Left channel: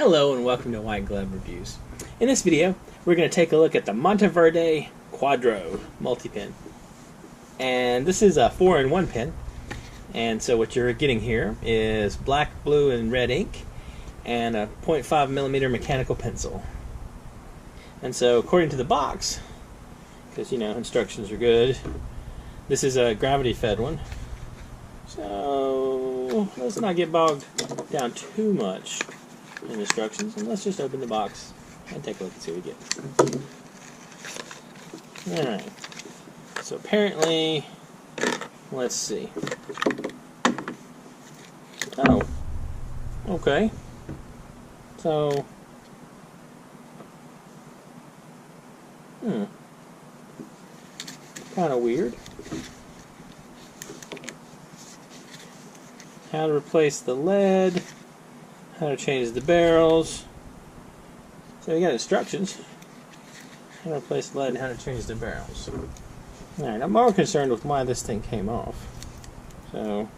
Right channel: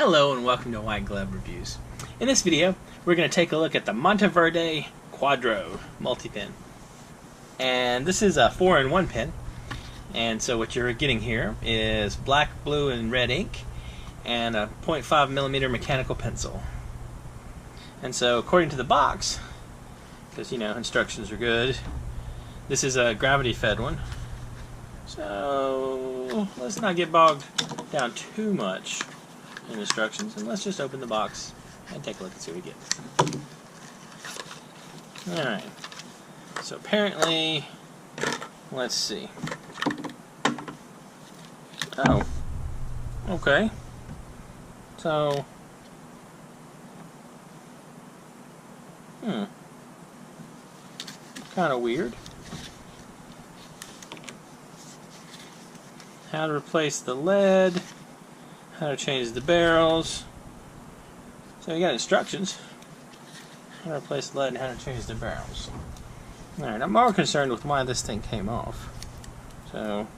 Hello and welcome to White Glove Reviews. In this video, we're going to take a look at the Monteverde Quadro multi-pin. And this is a 4-in-1 pin. And so what you're getting here is black, blue, and red ink and a 0.5mm mechanical pencil. And so according to the box, because instructions are good, this is a gravity fed one. So let's not get bogged down too much in instructions, and let's just open the box and take a look and see what we get. Alright, so apparently, let's see. Oh, okay. So, kind of weird. How to replace the lead. How to change the barrels. So we got instructions. How to replace the lead and how to change the barrels. Alright, I'm more concerned with why this thing came off. So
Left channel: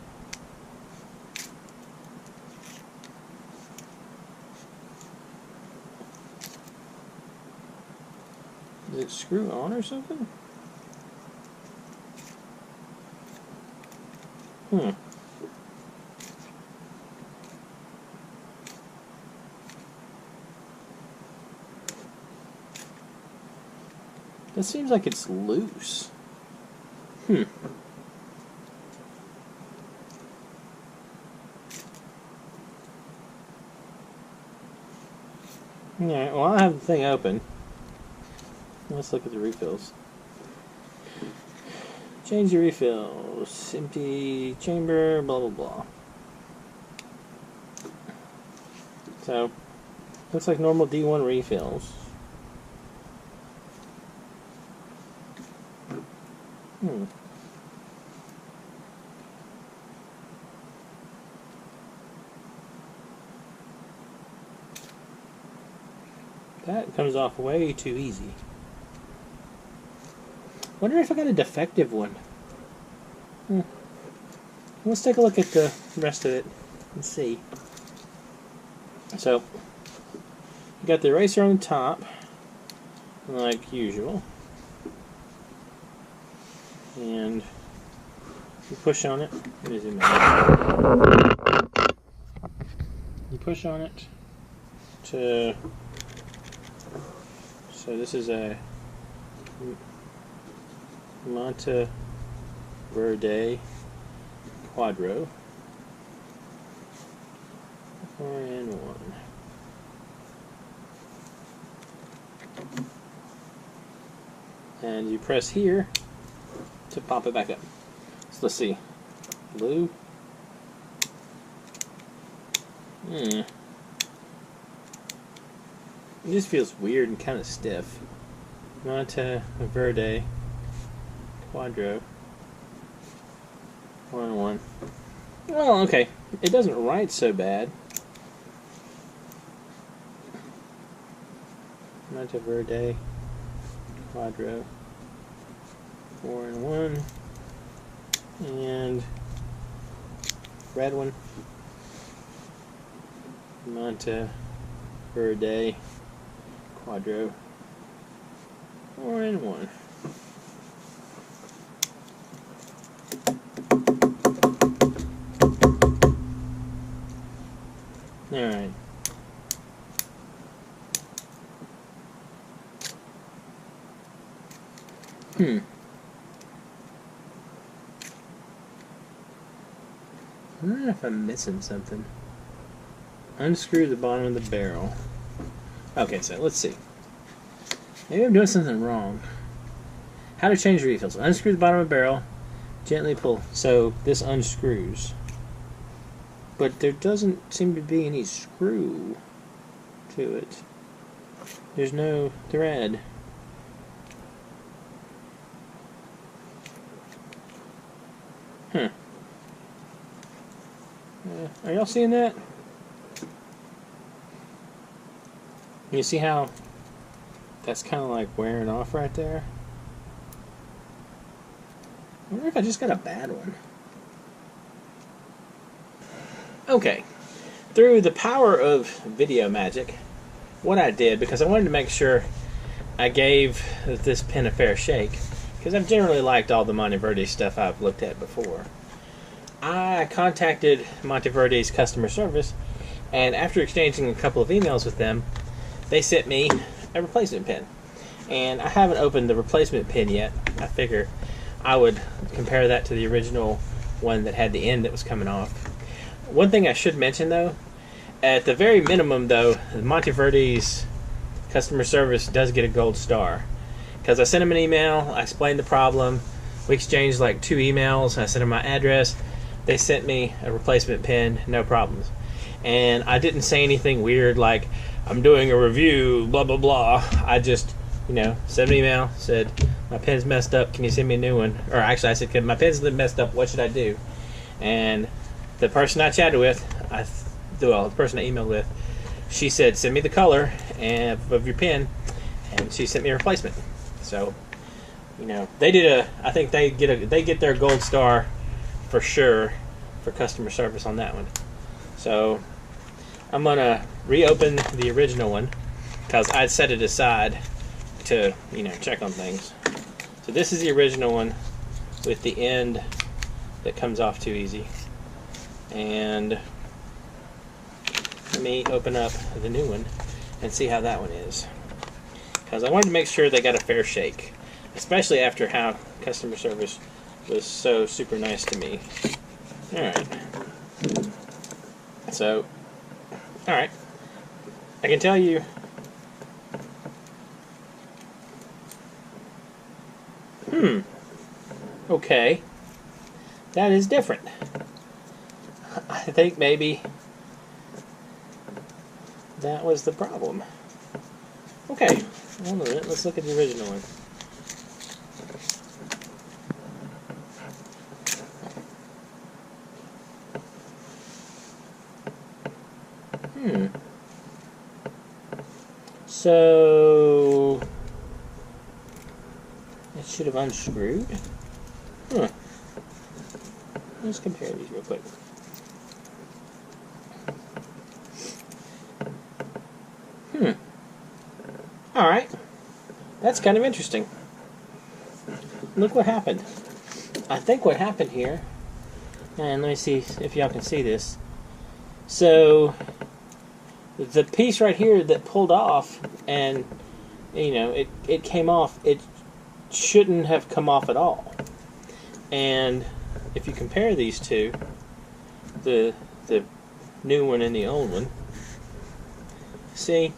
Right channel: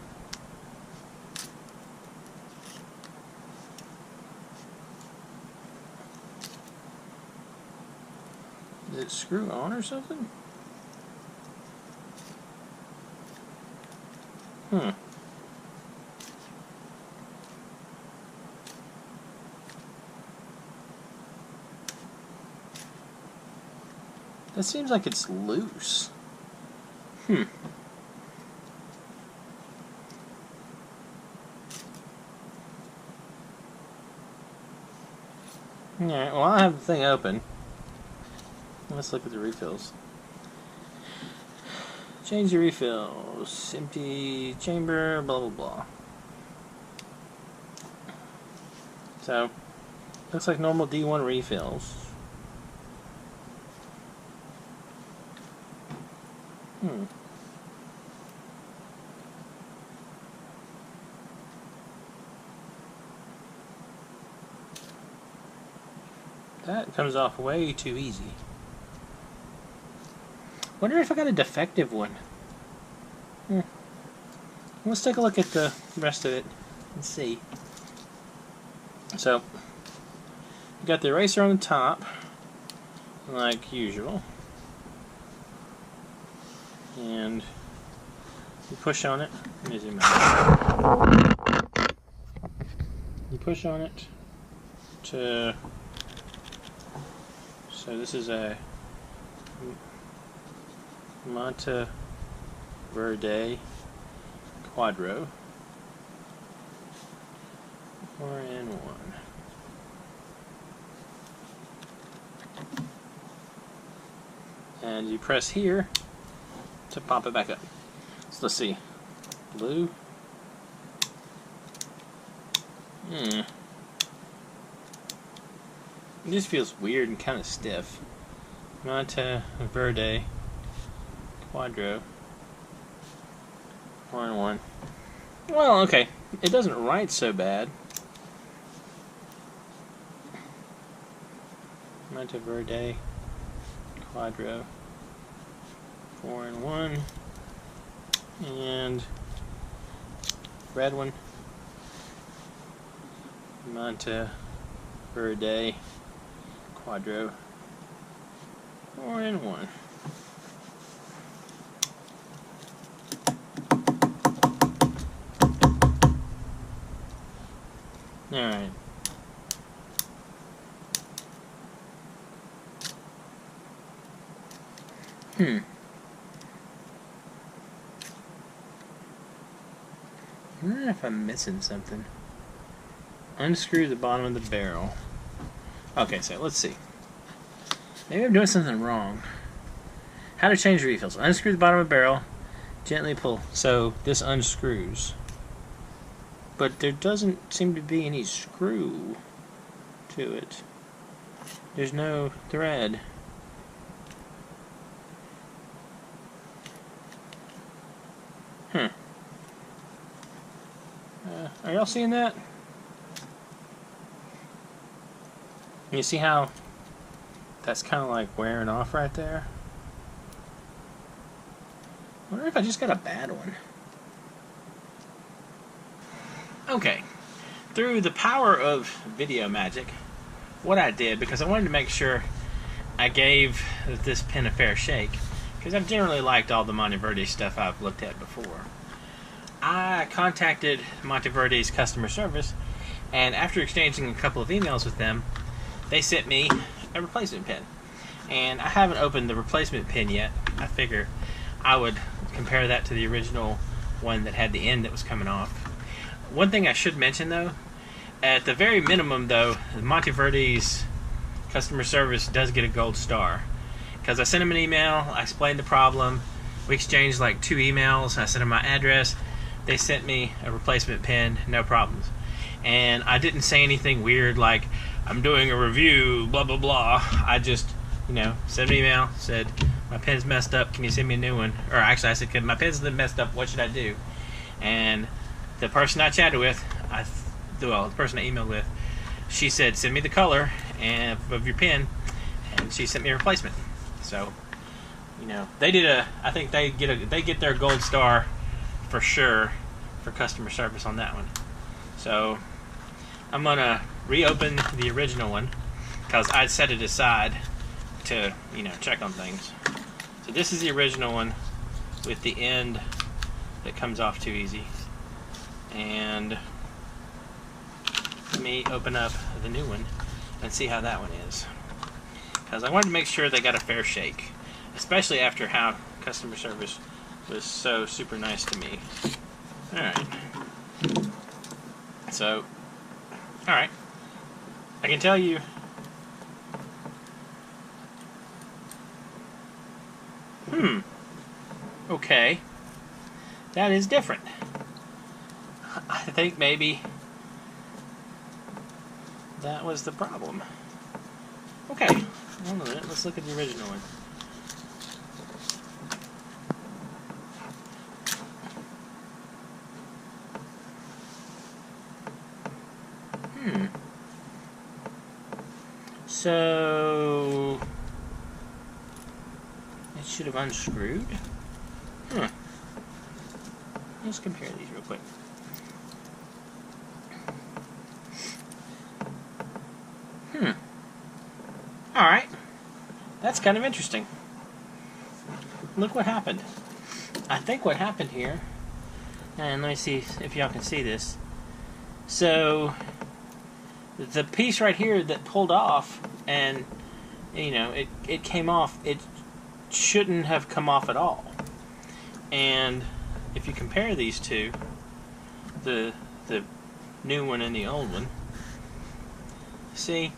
did it screw on or something? That seems like it's loose. Yeah, well, I'll have the thing open. Let's look at the refills. Change your refills. Empty chamber, blah, blah, blah. So, looks like normal D1 refills. That comes off way too easy. Wonder if I got a defective one. Let's take a look at the rest of it and see. So, you got the eraser on the top, like usual. And you push on it. Let me zoom in. You push on it to. So this is a Monteverde Quadro 4-in-1. And you press here to pop it back up. So let's see. Blue. This feels weird and kind of stiff. Monteverde Quadro 4-in-1. Well, okay. It doesn't write so bad. Monteverde Quadro 4-in-1 and red one. Monteverde Quadro 4-in-1. Alright. I wonder if I'm missing something. Unscrew the bottom of the barrel. Okay, so let's see. Maybe I'm doing something wrong. How to change refills. Unscrew the bottom of the barrel. Gently pull. So this unscrews. But there doesn't seem to be any screw to it. There's no thread. Are y'all seeing that? You see how that's kind of like wearing off right there? I wonder if I just got a bad one. Okay, through the power of video magic, what I did, because I wanted to make sure I gave this pen a fair shake, because I've generally liked all the Monteverde stuff I've looked at before. I contacted Monteverde's customer service, and after exchanging a couple of emails with them, they sent me a replacement pen. And I haven't opened the replacement pen yet. I figure I would compare that to the original one that had the end that was coming off. One thing I should mention, though, at the very minimum, though, Monteverde's customer service does get a gold star. Because I sent them an email, I explained the problem, we exchanged like 2 emails, I sent them my address, they sent me a replacement pen, no problems. And I didn't say anything weird like, I'm doing a review, blah blah blah. I just, sent an email, said, my pen's messed up, can you send me a new one? Or actually I said, my pen's messed up, what should I do? And the person I chatted with, the person I emailed with, she said, send me the color of your pen, and she sent me a replacement. So, they did I think they get their gold star for sure for customer service on that one. So, I'm gonna reopen the original one because I'd set it aside to, check on things. So this is the original one with the end that comes off too easy. And let me open up the new one and see how that one is. Because I wanted to make sure they got a fair shake, especially after how customer service was so super nice to me. Alright. So, alright. I can tell you okay. That is different. I think maybe that was the problem. Okay, hold on a minute. Let's look at the original one. So it should have unscrewed. Let's compare these real quick. Alright. That's kind of interesting. Look what happened. I think what happened here, and let me see if y'all can see this. So, the piece right here that pulled off, and, it came off, it shouldn't have come off at all. And if you compare these two, the new one and the old one, see,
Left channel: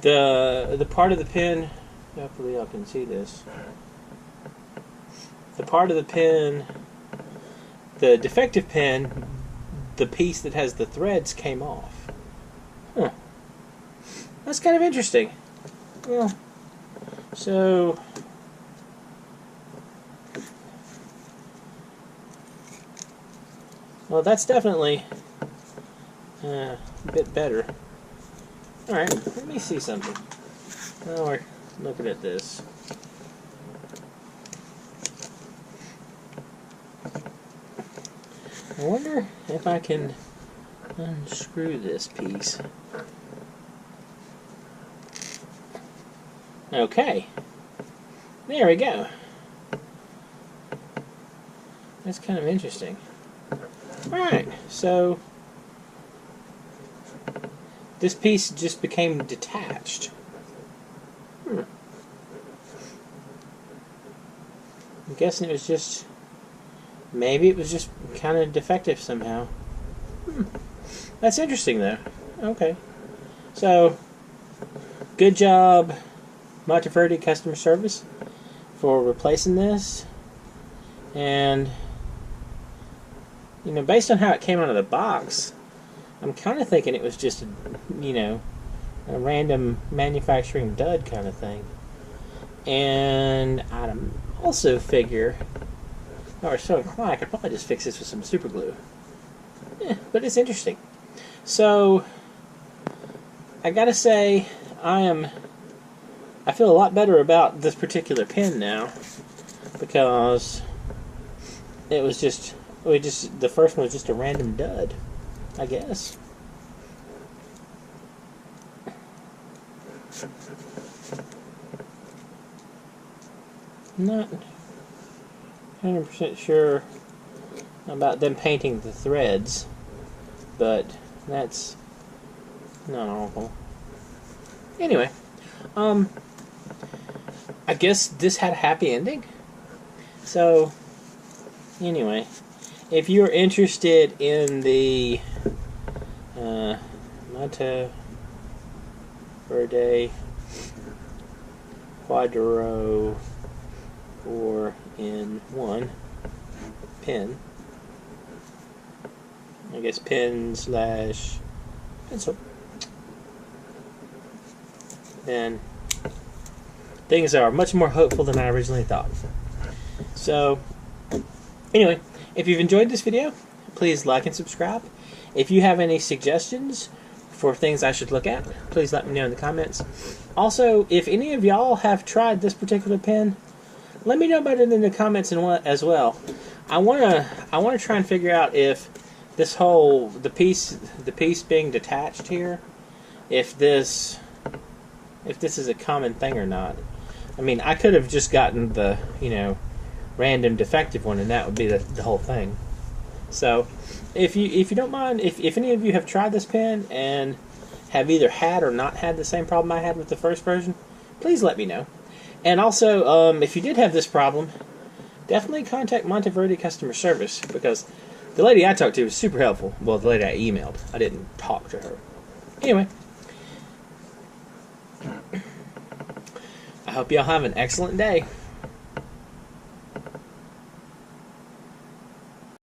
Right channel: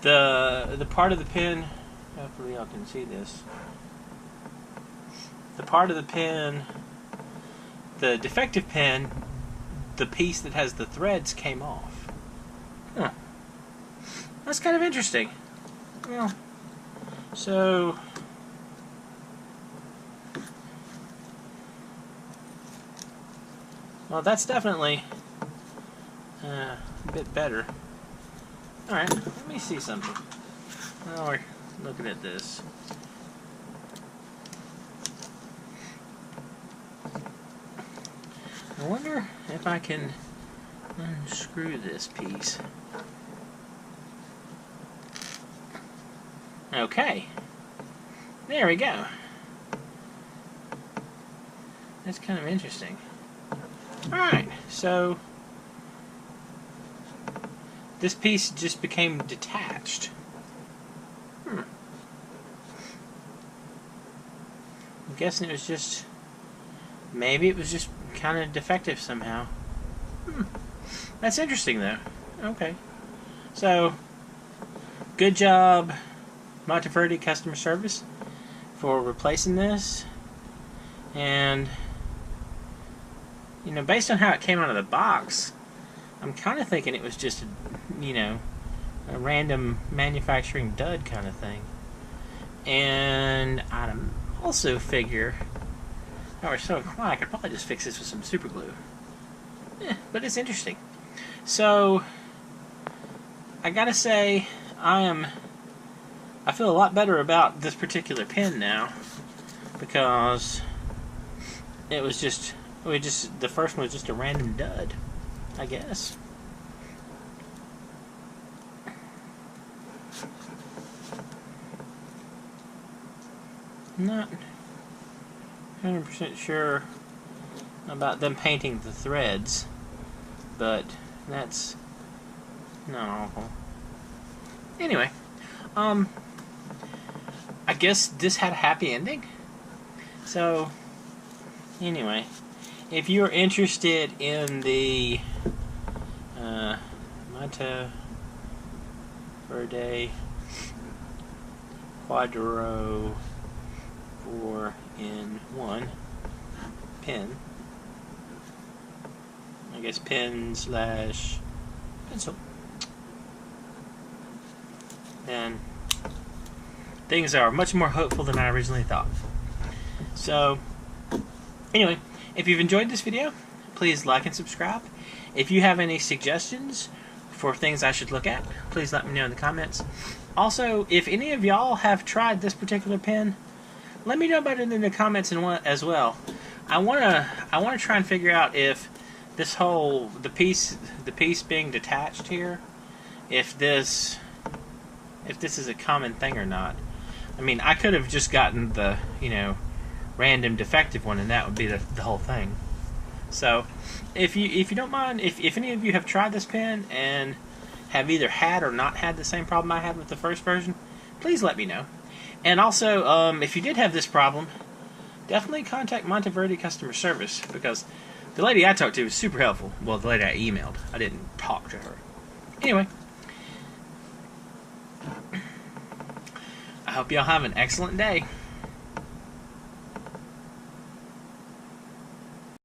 the part of the pen, hopefully y'all can see this, the part of the pen, the defective pen, the piece that has the threads came off. That's kind of interesting. Well, so that's definitely a bit better. Alright, let me see something. Now we're looking at this. I wonder if I can unscrew this piece. Okay. There we go. That's kind of interesting. Alright, so this piece just became detached. I'm guessing it was just, maybe it was just kind of defective somehow. That's interesting though. Okay. So, good job, Monteverde customer service, for replacing this. And, based on how it came out of the box, I'm kind of thinking it was just, a random manufacturing dud kind of thing. And I also figure, or so inclined, I could probably just fix this with some super glue. But it's interesting. So, I gotta say, I feel a lot better about this particular pen now, because it was just The first one was just a random dud, I guess. Not 100% sure about them painting the threads, but that's not awful. Anyway, I guess this had a happy ending. So, anyway, if you're interested in the Monteverde Quadro 4-in-1 pen, I guess pen/pencil, then things are much more hopeful than I originally thought. So, anyway, if you've enjoyed this video, please like and subscribe. If you have any suggestions for things I should look at, please let me know in the comments. Also, if any of y'all have tried this particular pen, let me know about it in the comments as well. I wanna try and figure out if this the piece being detached here, if this is a common thing or not. I mean, I could have just gotten the random defective one, and that would be the whole thing. So, if you don't mind, if any of you have tried this pen and have either had or not had the same problem I had with the first version, please let me know. And also, if you did have this problem, definitely contact Monteverde customer service, because the lady I talked to was super helpful. Well, the lady I emailed. I didn't talk to her. Anyway, I hope y'all have an excellent day.